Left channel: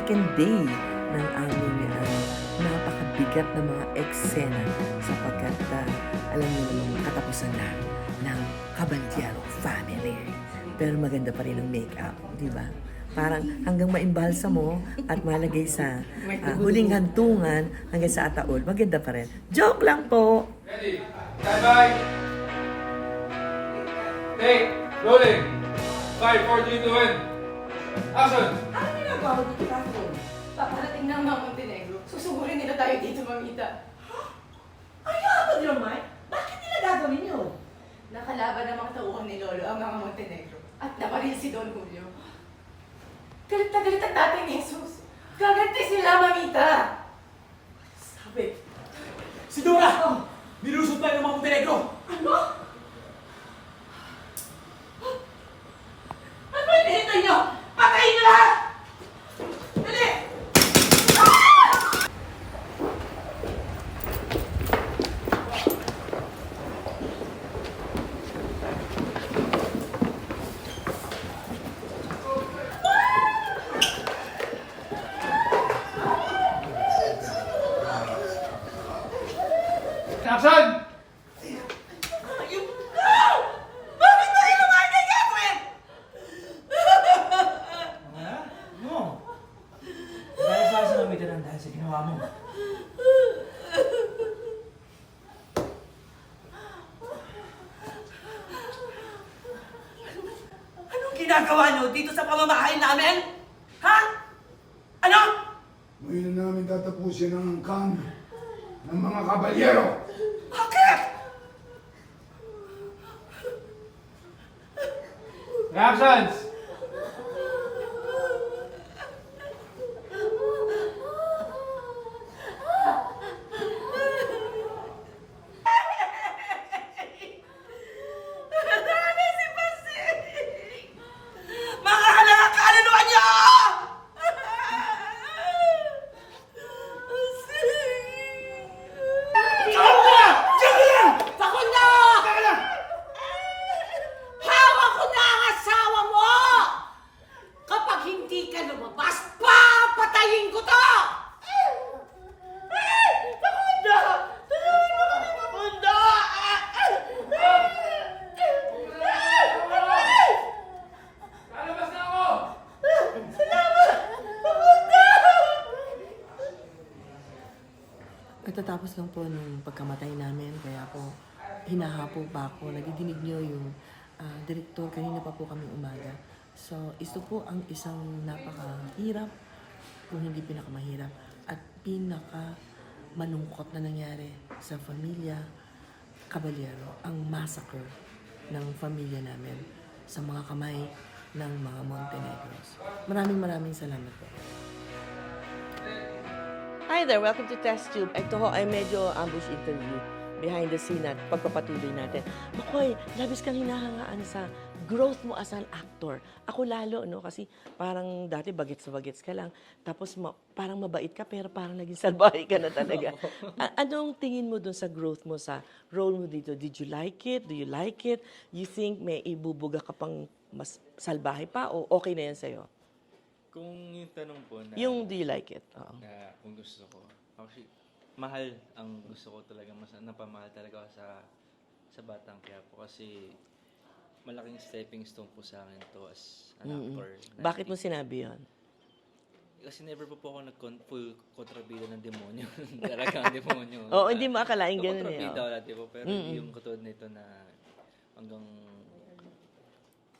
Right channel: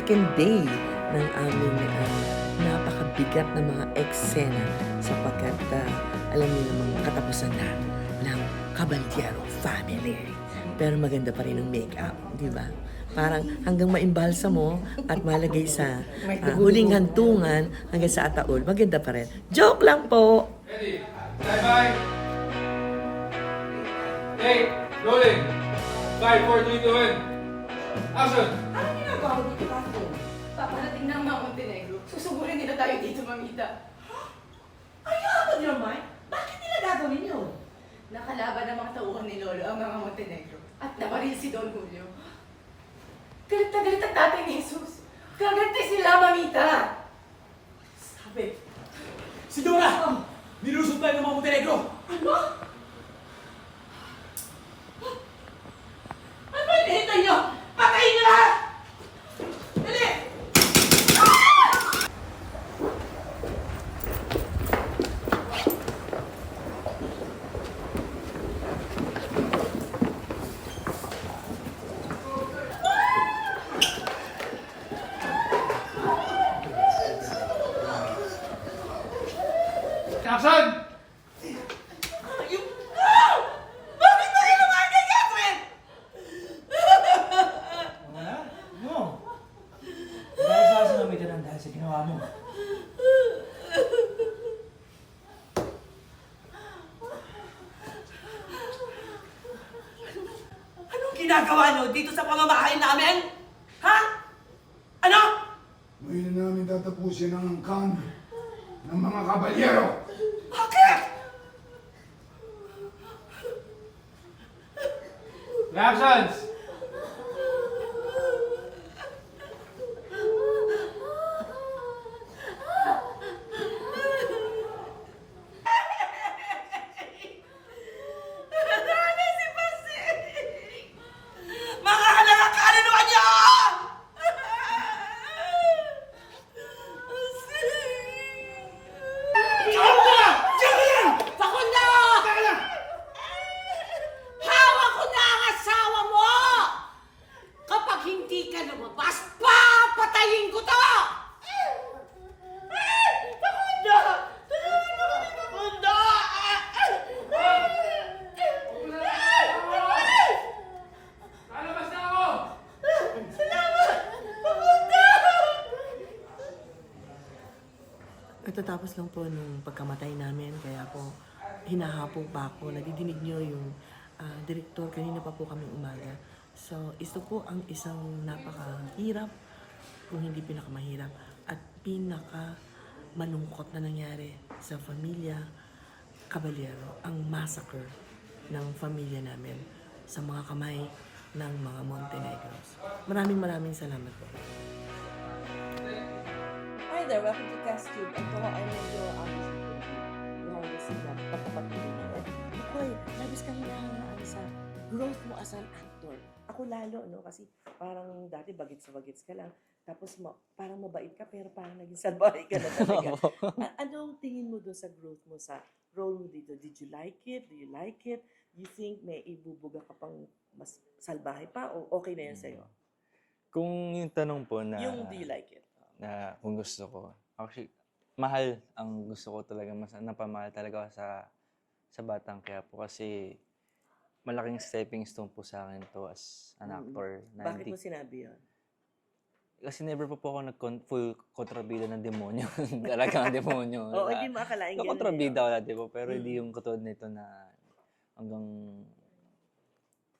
second day ng aming napakabigat na mga eksena sapagkat alam niyo namang katapusan na ng Caballero family. Pero maganda pa rin ang make-up, di ba? Parang hanggang maimbalsa mo at malagay sa huling hantungan hanggang sa ataol, maganda pa rin. Joke lang po! Ready? Bye-bye! Take! Rolling! 5, 4, 3, 2, 1. Action! Ano ginagawa mo dito, Catherine? Paparating ng mga Montenegro. Susugurin nila tayo dito, mamita. Are you out of your mind? Bakit nila gagawin yun? Nakalaban ng mga tauhan ni Lolo ang mga Montenegro. At nabaril si Don Julio. Galit na galit ang tatay ni Jesus. Gaganti sila, mamita. Sabi. Si Dora! Nilusot tayo ng mga Montenegro! Ano? Ano ba hinihintay niyo? Patayin niyo lahat! Dali! Action! Ayun! Ah! Bakit ba kayo lumayan kay Catherine? Mga? Ano? Dahil sa asin ang ng dahil sa ginawa mo. Anong ginagawa niyo dito sa pamamahay namin? Ha? Ano? Ngayon na namin tatapusin ang angkan ng mga kabalyero. Bakit? Reactions! Ano si Pasig? Mga halaka, kaluluwa niyo! Diyan ka lang! Diyan ka lang! Takot na! Hawak ko na ang asawa mo! Kapag hindi ka lumabas, papatayin ko to! Takot na! Tulungan mo kami mapunta! Lalabas na ako! Salamat! Mapunta! Pagkatapos lang po nung pagkamatay namin, kaya po hinahapo pa ako. Nadidinig niyo yung direktor, kanina pa po kami umaga. So, ito po ang isang napakahirap, kung hindi pinakamahirap, at pinakamanungkot na nangyari sa pamilya Caballero, ang massacre ng pamilya namin sa mga kamay ng mga Montenegros. Maraming salamat po. Hi there! Welcome to Test Tube. Ito ho ay medyo ambush interview behind the scene at pagpapatuloy natin. Makoy, labis kang hinahangaan sa growth mo as an actor. Ako lalo, no? Kasi parang dati bagets ka lang. Tapos parang mabait ka, pero parang naging salbahe ka na talaga. Anong tingin mo dun sa growth mo, sa role mo dito? Did you like it? Do you like it? You think may ibubuga ka pang mas salbahe pa? O okay na yan sa'yo? Kung yung tanong po na... Yung do you like it? Oo. Na kung gusto ko. Actually, mahal ang gusto ko talaga. Mas napamahal talaga ako sa Batang Quiapo kasi malaking stepping stone po sa akin to as an actor. Na Bakit mo sinabi yun? Kasi never po ako full kontrabida ng demonyo. Talagang demonyo. Oo, hindi mo akalain ganun. Kontrabida ko dati po, pero hindi yung katulad nito na hanggang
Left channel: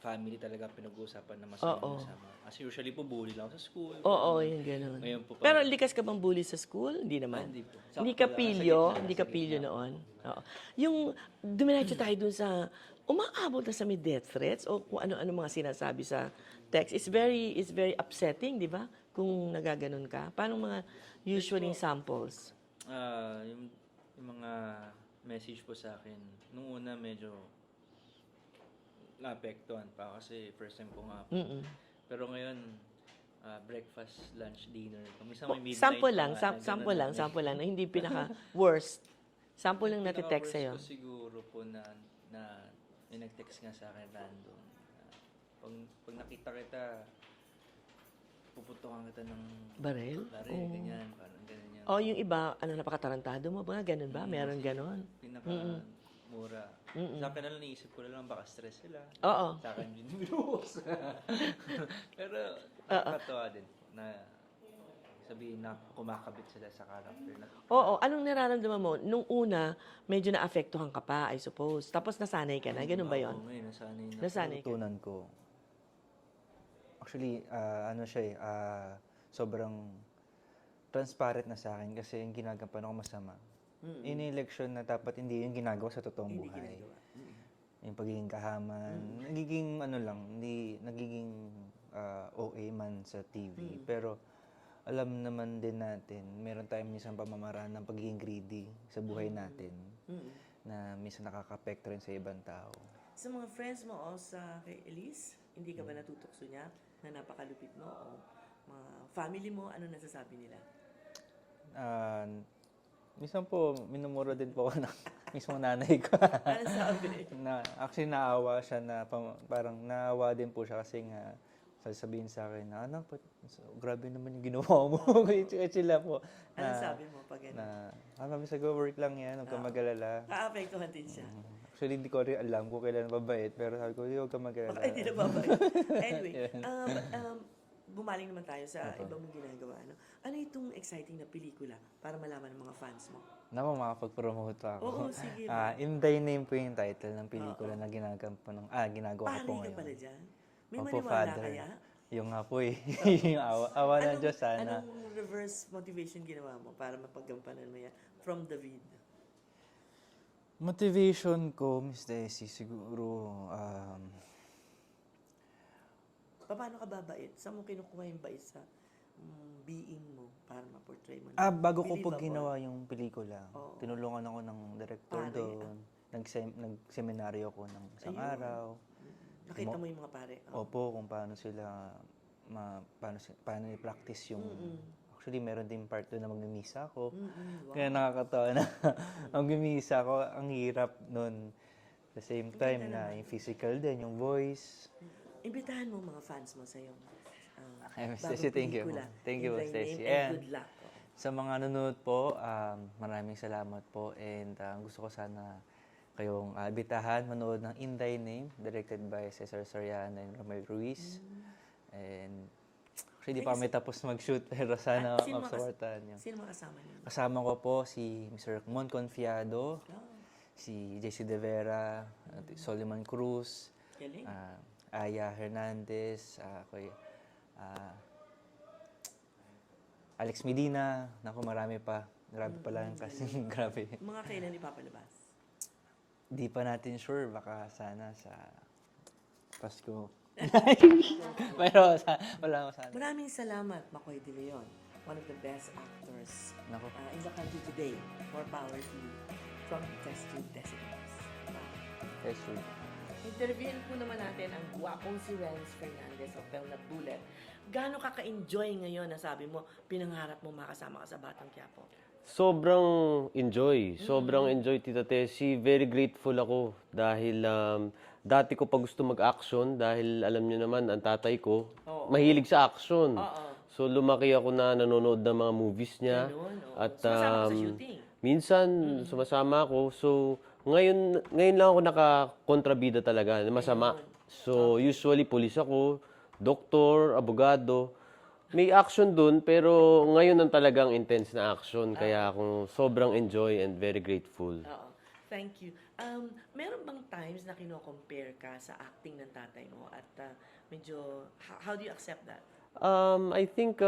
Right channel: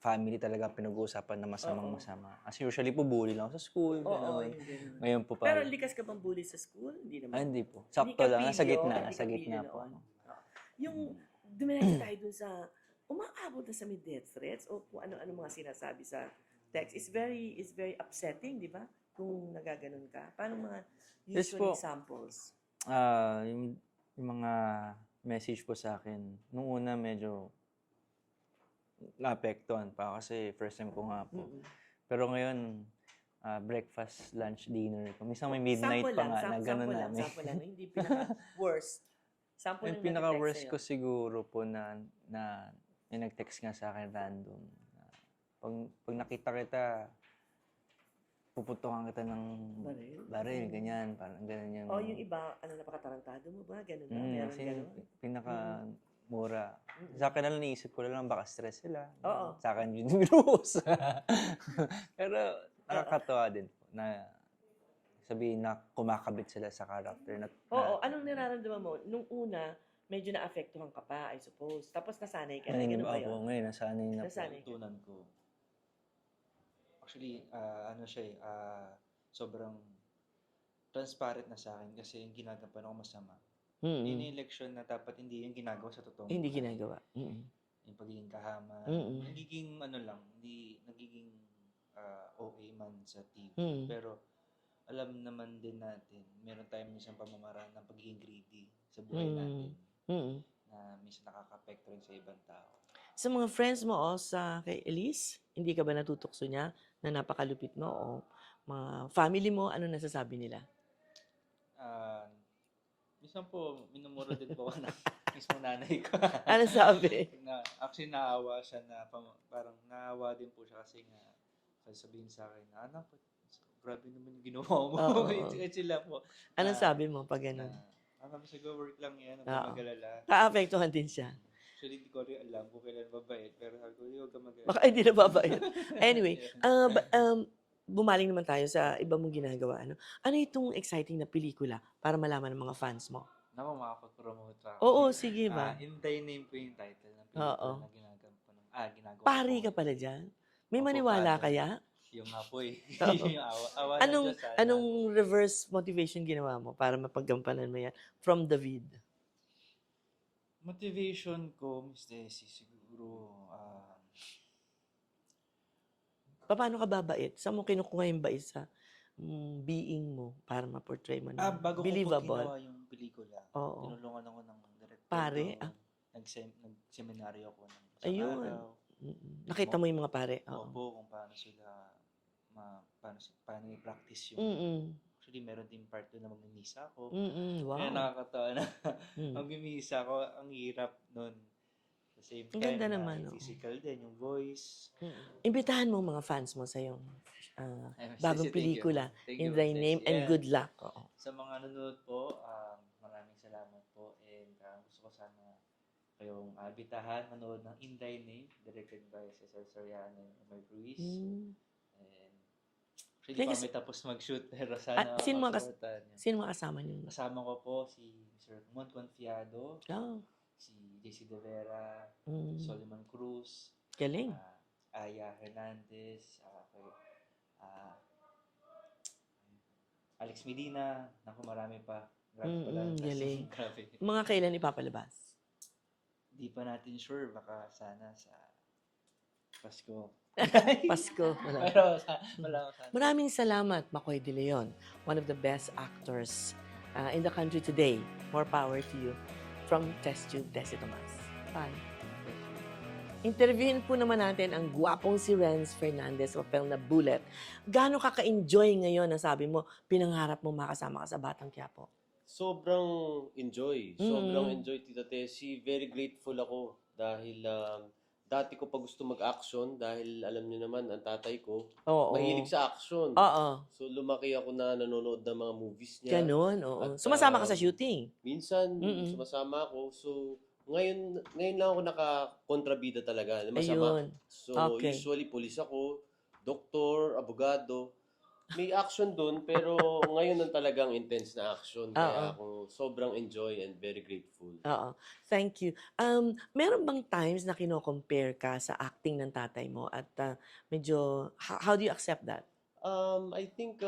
family talaga pinag-uusapan na masama. As usually po, bully lang ako sa school. Oo, yung gano'n. Ngayon po Pero likas ka bang bully sa school? Hindi naman. Hindi po. Hindi Sakto ka lang, nasa pilyo? gitna, Hindi ka nasa pilyo gitna po. noon? Oo. Yung dumiretso tayo dun sa umaabot na sa may death threats o kung ano-ano mga sinasabi sa text. It's very upsetting, di ba? Kung nagaganon ka. Paano mga usually po. samples? Yung mga message po sa akin, nung una medyo naapektuhan pa kasi first time ko nga po. Pero ngayon, breakfast, lunch, dinner. Minsan may midnight Sample pa lang, nga na ganun na. sample lang. Hindi pinaka-worst. Sample Yung lang nag-text pinaka-worst sa'yo. ko siguro po na may nag-text nga sa akin random. Pag nakita kita, puputokan kita ng Baril? baril, ganyan, parang ganyan yung... O yung iba, nakapakarantado mo ba? Ganun ba? Meron kasi ganon? Pinaka-mura. Sa akin na lang, naisip ko na lang, baka stress sila. Oo. Sa akin yun yung binuhos. Pero nakakatawa din na sabihin na kumakabit sila sa character. Na, Oo, anong nararamdaman mo? Nung una, medyo naapektuhan ka pa, I suppose. Tapos nasanay ka na, ganun ba yun? Oo, ngayon, nasanay na Nasanay ka. natutunan ko. Actually, ano siya sobrang transparent na sa akin kasi yung ginagawa ko masama. Yun yung leksyon na dapat hindi yung ginagawa sa totoong Hindi buhay. ginagawa. Yung pagiging kahama. Nagiging ano lang, hindi nagiging OA man sa TV. Pero alam naman din natin, meron tayong minsan pamamaraan ng pagiging greedy sa buhay natin na minsan nakaka-apekto rin sa ibang tao. Sa mga friends mo o sa kay Elise, hindi ka ba natutukso niya na napakalupit mo o mga family mo, ano nasasabi nila? Minsan po, minumuro din po ako ng mismo nanay ko. Ano sabi? Actually, naawa siya na parang naawa din po siya kasi nga sasabihin sa akin na, anak, grabe naman yung ginawa mo. Sila po. Anong sabi mo pag gano'n? Mami, sa work lang yan, huwag ka mag-alala. Naapektuhan din siya. Actually, hindi ko rin alam kung kailan mabait, pero sabi ko, huwag ka mag-alala. Baka hindi na babait. Anyway, bumaling naman tayo sa iba mong ginagawa. Ano itong exciting na pelikula para malaman ng mga fans mo? Naku, makapag-promote ako. Oo, sige ba? In Thy Name po yung title ng pelikula na ginagawa ko Pari ka ngayon. pala dyan? May Opo, maniwala Father. kaya? Yung nga po eh. Yung awa ng Diyos sana. Anong reverse motivation ginawa mo para mapaggampanan mo yan from David? Motivation ko, Miss Daisy, siguro, Paano ka babait? Saan mo kinukuha yung bait sa being mo para ma-portray mo na bago ko po believable? ginawa yung pelikula, Oo. tinulungan ako ng director Pare, doon. Nag-seminaryo ako ng isang Ayun. araw. Nakita mo yung mga pare? Oo. Opo, kung paano sila, paano i-practice yung... Actually, meron din part doon na mag-misa ako. Wow. Kaya nakakatawa na mag-misa ako, ang hirap nun. At the same time, ganda na naman, yung physical din, yung voice. Imbitahan mo mga fans mo sa iyong Ay, Miss bagong Stacy, thank you. pelikula. Thank In you, Thy Stacy. Name and And good luck. Oo. Sa mga nanonood po, maraming salamat po. And gusto ko sana kayong bitahan, manood ng In Thy Name, directed by Cesar Soriano and Romel Ruiz. And actually, di pa kami tapos mag-shoot, pero sana At sino masuportahan niyo. sino mga kasama niyo? Kasama ko po si Mr. Mon Confiado, Oh, si JC De Vera, Soliman Cruz, galing. Aya Hernandez, Alex Medina, naku marami pa. Grabe pala yung casting, grabe. Mga kailan ipapalabas? Di pa natin sure, baka sana sa Pasko. Pasko. Pero wala sana. Maraming salamat, Makoy De Leon. One of the best actors in the country today. More power to you. From Test Tube, Tessie Tomas. Bye. Yes, sure. Interviewin po naman natin ang gwapong si Renz Fernandez o Pel na Bullet. Gaano ka ka-enjoy ngayon na sabi mo, pinangarap mo makasama ka sa Batang Quiapo? Sobrang enjoy. Sobrang enjoy, Tita Tessie. Very grateful ako dahil dati ko pa gusto mag-action dahil alam niyo naman, ang tatay ko, mahilig sa action. Oo. So lumaki ako na nanonood ng mga movies niya. Ganun, oo. Sumasama ka sa shooting? Minsan, sumasama ako. So, ngayon lang ako nakakontrabida talaga. Masama. Ayun. So, Okay. usually, police ako, doktor, abogado. May action dun, pero ngayon ang talagang intense na action. Kaya ako sobrang enjoy and very grateful. Oo. Thank you. Meron bang times na kino-compare ka sa acting ng tatay mo at medyo, how do you accept that? I think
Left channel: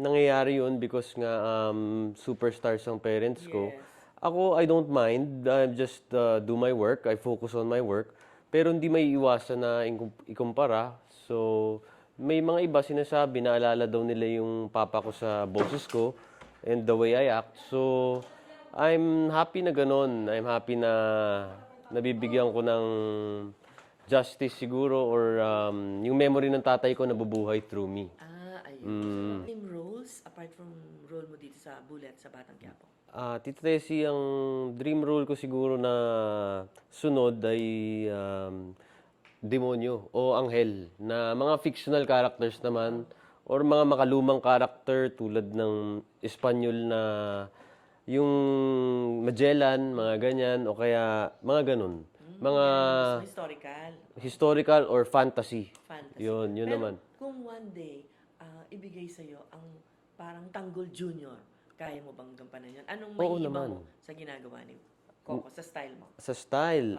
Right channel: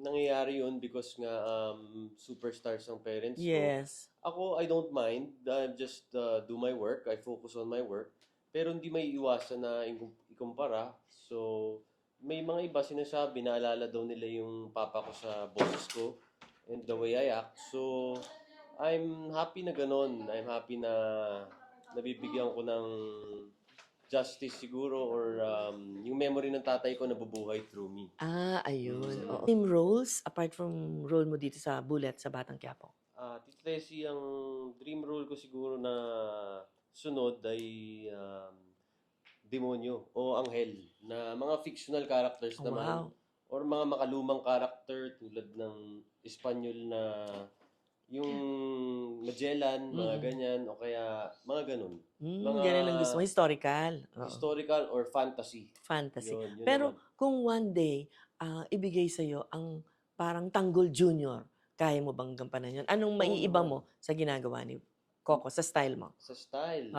nangyayari yun because nga superstars ang parents ko. Yes. Ako, I don't mind. I just do my work. I focus on my work. Pero hindi may iwasan na ikumpara. So, may mga iba sinasabi, naalala daw nila yung papa ko sa boses ko and the way I act. So, I'm happy na ganon. I'm happy na nabibigyan ko ng justice siguro or yung memory ng tatay ko nabubuhay through me. Ayun. Team roles, apart from role mo dito sa Bullet, sa Batang Quiapo? Tito Tessie, ang dream role ko siguro na sunod ay demonyo o anghel na mga fictional characters naman or mga makalumang character tulad ng Espanyol na yung Magellan, mga ganyan, o kaya mga ganun. Mga Ganun ang gusto mo, historical. historical or fantasy. Fantasy. Yun Pero naman. kung one day, ibigay sa'yo ang parang Tanggol Junior, kaya mo bang gampanan yun? Anong maiiba naman. mo sa ginagawa ni Coco, sa style mo? Sa style,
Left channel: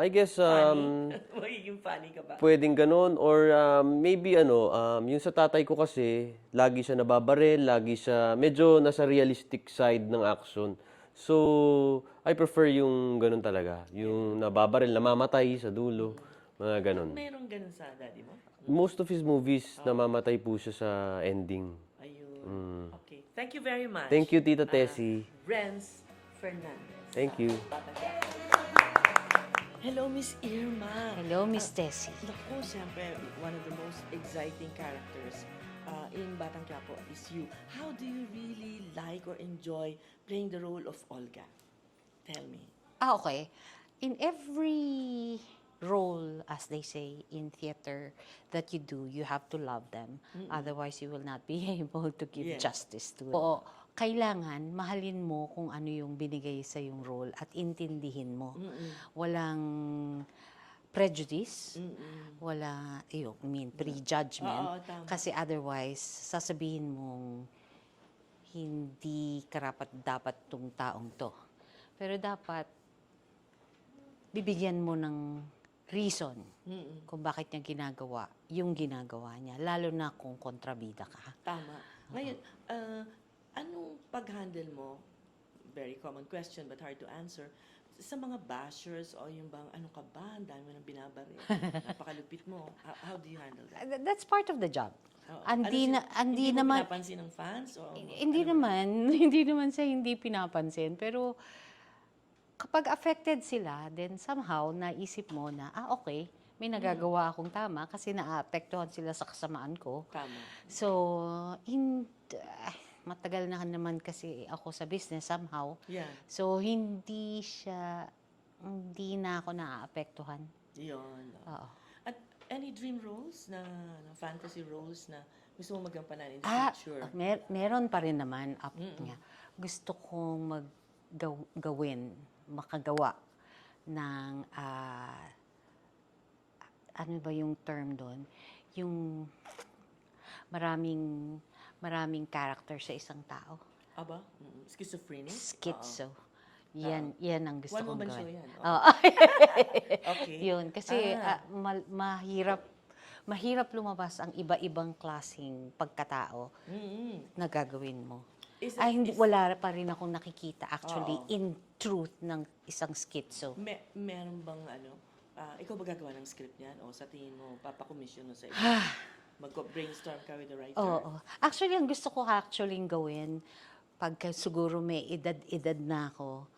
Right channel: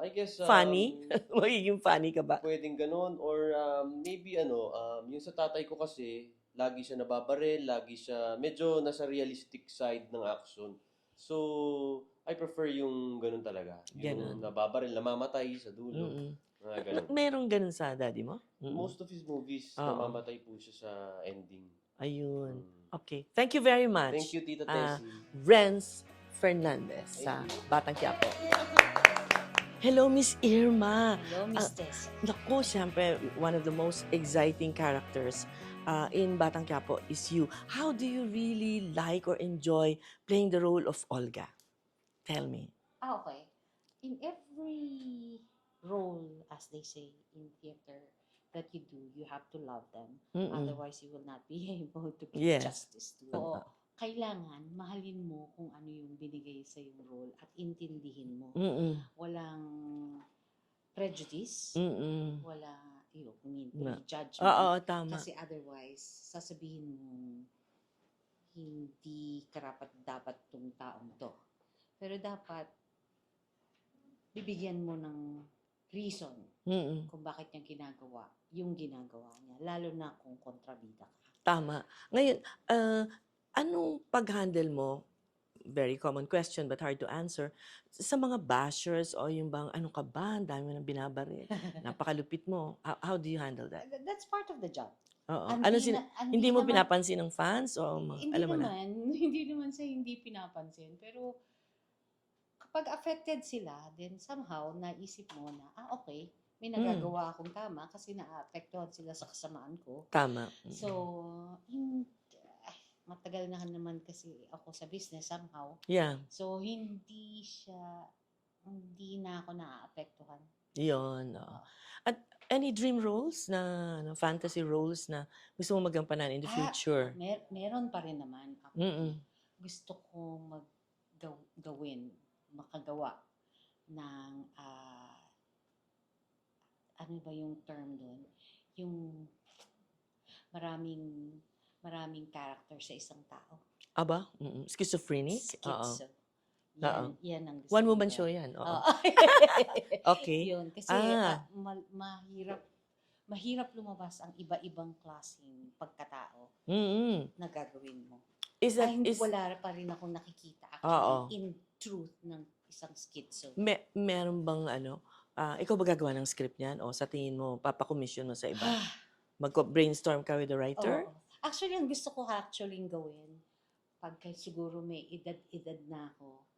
I guess, Funny? Magiging funny ka ba? pwedeng ganun or maybe yung sa tatay ko kasi, lagi siya nababaril, lagi siya medyo nasa realistic side ng action. So, I prefer yung ganun talaga. Yung nababaril, namamatay sa dulo. Mga ganun. Merong ganun sa daddy mo? Most of his movies, namamatay po siya sa ending. Ayun. Okay. Thank you very much. Thank you, Tita Tessie. Renz Fernandez. Thank sa you. Batang Quiapo. Hello, Miss Irma. Hello, Miss Tessie. Naku, siyempre, one of the most exciting characters in Batang Quiapo is you. How do you really like or enjoy playing the role of Olga? Tell me. Okay. In every role, as they say in theater, that you do, you have to love them. Otherwise, you will not be able to give Yes. justice to them. Oo. Kailangan mahalin mo kung ano yung binigay sa yung role at intindihin mo. Walang prejudice, wala, prejudgment. Oo, tama. Kasi otherwise, sasabihin mong hindi karapat dapat tong taong to. Pero dapat bibigyan mo ng reason kung bakit niya ginagawa yung ginagawa niya, lalo na kung kontrabida ka. Tama. Ngayon, anong pag-handle mo, very common question but hard to answer, sa mga bashers o yung bang, ano ka ba, ang dami mo nang binabaril, napakalupit mo. How do you handle that? That's part of the job. Oo. Hindi mo naman- pinapansin ng fans? O, Hindi alam mo na? naman, hindi naman sa hindi pinapansin. Pero kapag affected sila, then somehow naisip mo na, okay, may nagagawa akong tama kasi naapektuhan sila sa kasamaan ko. Tama. So, matagal na naman kasi ako sa business somehow. Yeah. So, hindi na ako naaapektuhan. Yun. Oo. Oo. At any dream roles na, fantasy roles na gusto mo magampanan in the future? Meron pa rin naman up niya. Gusto kong makagawa ng, ano ba yung term doon? Yung maraming character sa isang tao. Aba? Schizophrenic? Schizo. Oo. Yan ang gusto One kong woman gawin. show yan. Oo. Oo. Okay. Yun, kasi mahirap lumabas ang iba-ibang klaseng pagkatao na gagawin mo. Wala pa rin akong nakikita actually in truth ng isang schizo. Meron bang ikaw ba gagawa ng script niyan? O sa tingin mo, papakomisyon mo sa iba? Mag-brainstorm ka with the writer? Oo. Actually, ang gusto ko gawin, pagka siguro may edad na ako,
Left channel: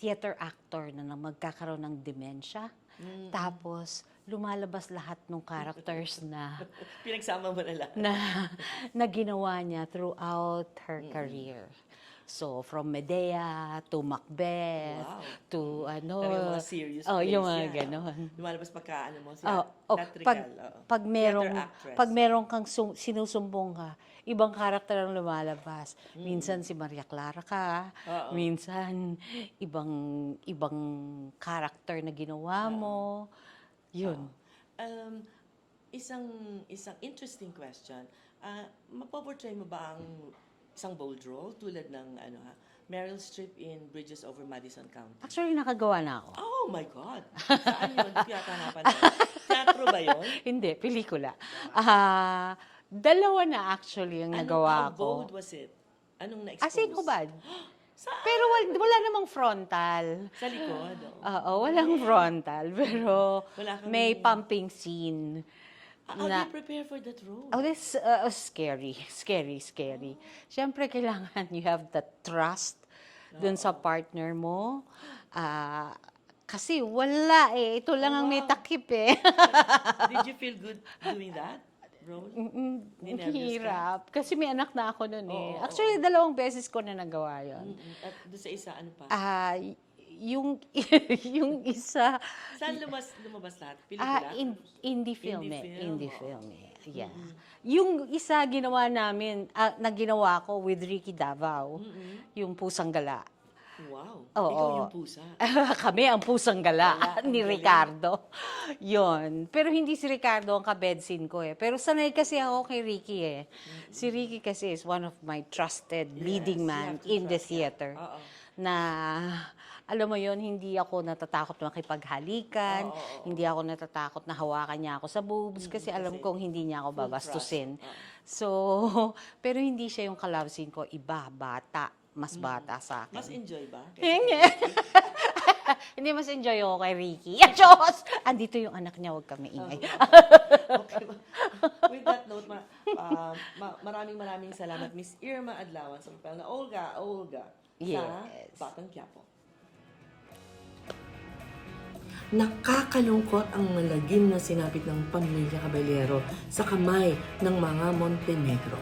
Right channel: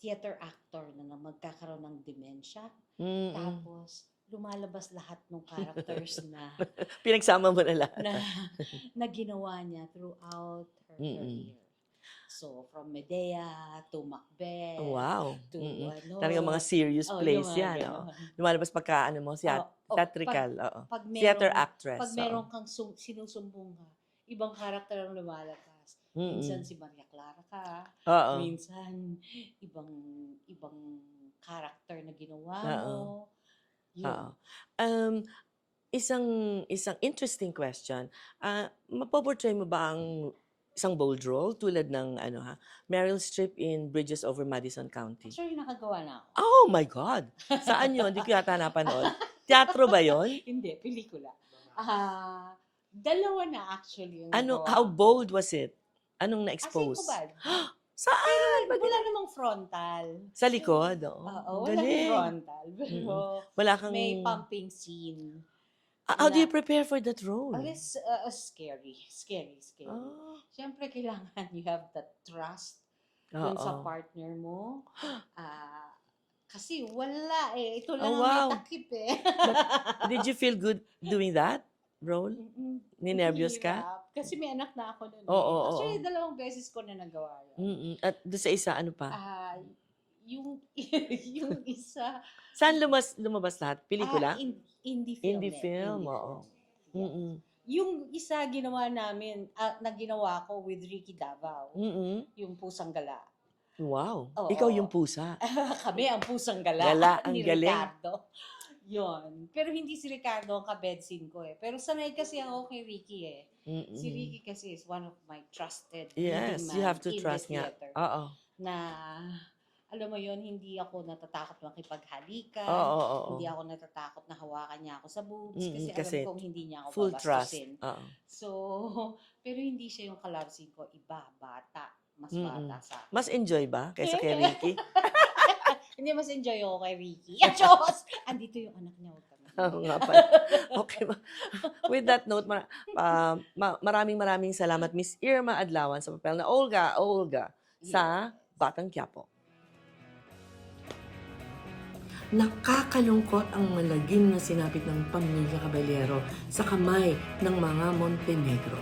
theater actor na magkakaroon ng dementia. Tapos, lumalabas lahat ng characters na Pinagsama mo na lahat. na ginawa niya throughout her career. So, from Medea to Macbeth Wow. to Talagang mga serious plays yung mga yan. ganon. Lumalabas pagka, theatrical. Pag Theater actress. Pag meron kang sinusumbong ka, ibang karakter ang lumalabas. Minsan si Maria Clara ka, minsan ibang karakter na ginawa mo. Yun. Isang interesting question. Mapoportray mo ba ang isang bold role tulad ng Meryl Streep in Bridges Over Madison County? Actually, nakagawa na ako. Oh my God! Saan yun? Hindi ko yata napanood. Teatro ba yun? Hindi, pelikula. Dalawa na actually ang nagawa How ko. bold was it? Anong na-expose? As in, kubad. Saan? Pero wala namang frontal. Sa likod? Oo, walang Galing. frontal. Pero Wala kang- may pumping scene. How do you prepare for that role? Oh, this scary. Siyempre, kailangan you have the trust dun sa partner mo. Kasi wala eh. Ito lang ang may wow. takip eh. Did you feel good doing that role? Ninervyos ka? Hirap. Kasi may anak na ako nun eh. Oo, Actually, 2 beses ko na nagawa yun. At doon sa isa, ano pa? yung yung isa Saan lumabas lahat? Pelikula? indie film. Indie film, oo. film. Yeah. Yung isa ginawa namin, na ginawa ko with Ricky Davao, yung Pusang Gala. Wow. Oo. Ikaw yung pusa. Kami ang Pusang Gala, Gala, ang ni galing. Ricardo. Yon. Pero hindi si Ricardo ang kabedsin ko eh. Pero sanay kasi ako kay Ricky eh. Si Ricky kasi is one of my trusted leading Yes, you man have to in the trust, yeah. theater. Oo. Na alam mo yon, hindi ako natatakot na makipaghalikan, Oo. hindi ako natatakot na hawakan niya ako sa boobs kasi alam kasi kong hindi niya ako full trust. babastusin. Oo. So, pero hindi siya yung ka-love scene ko, iba, bata, mas bata sa akin. Mas enjoy ba kaysa kay Ricky? Hindi mas enjoy ako kay Ricky. Diyos! Andito yung anak niya, huwag kami Oo ingay. nga pala. Okay. With that note, maraming salamat, Miss Irma Adlawan, sa papel na Olga sa Yes. Batang Quiapo. Nakakalungkot ang malagim na sinapit ng pamilya Caballero sa kamay ng mga Montenegro.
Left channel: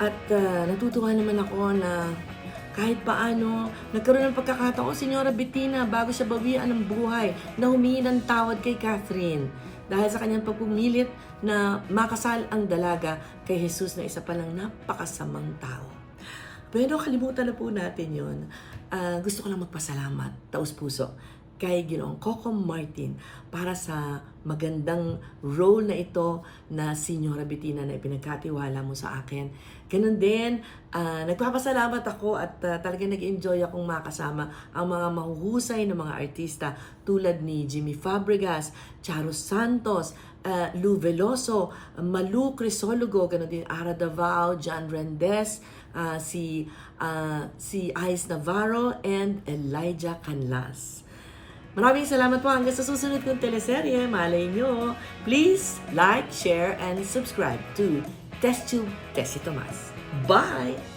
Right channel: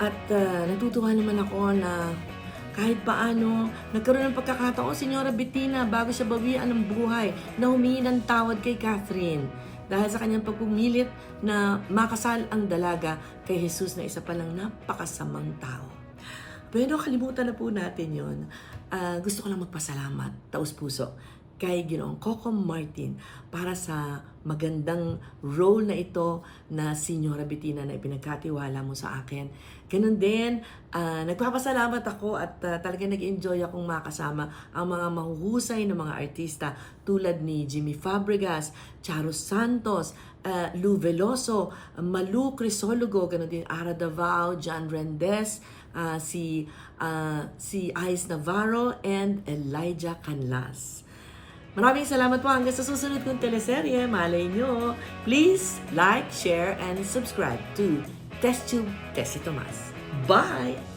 At natutuwa naman ako na kahit paano, nagkaroon ng pagkakataon, Senyora Bettina, bago siya bawian ng buhay, na humingi ng tawad kay Catherine dahil sa kanyang pagpumilit na makasal ang dalaga kay Jesus na isa palang napakasamang tao. Pero kalimutan na po natin yun. Gusto ko lang magpasalamat, taos puso, kay Ginoong Coco Martin para sa magandang role na ito na Senyora Bettina na ipinagkatiwala mo sa akin. Ganun din, nagpapasalamat ako at talagang nag-enjoy akong makasama ang mga mahuhusay na mga artista tulad ni Jimmy Fabregas, Charo Santos, Lou Veloso, Malu Crisologo, ganun din Ara Davao, John Rendes, si Ice Navarro, and Elijah Canlas. Maraming salamat po hanggang sa susunod kong teleserye. Malay nyo. Please like, share, and subscribe to TestTube Tessie Tomas. Bye!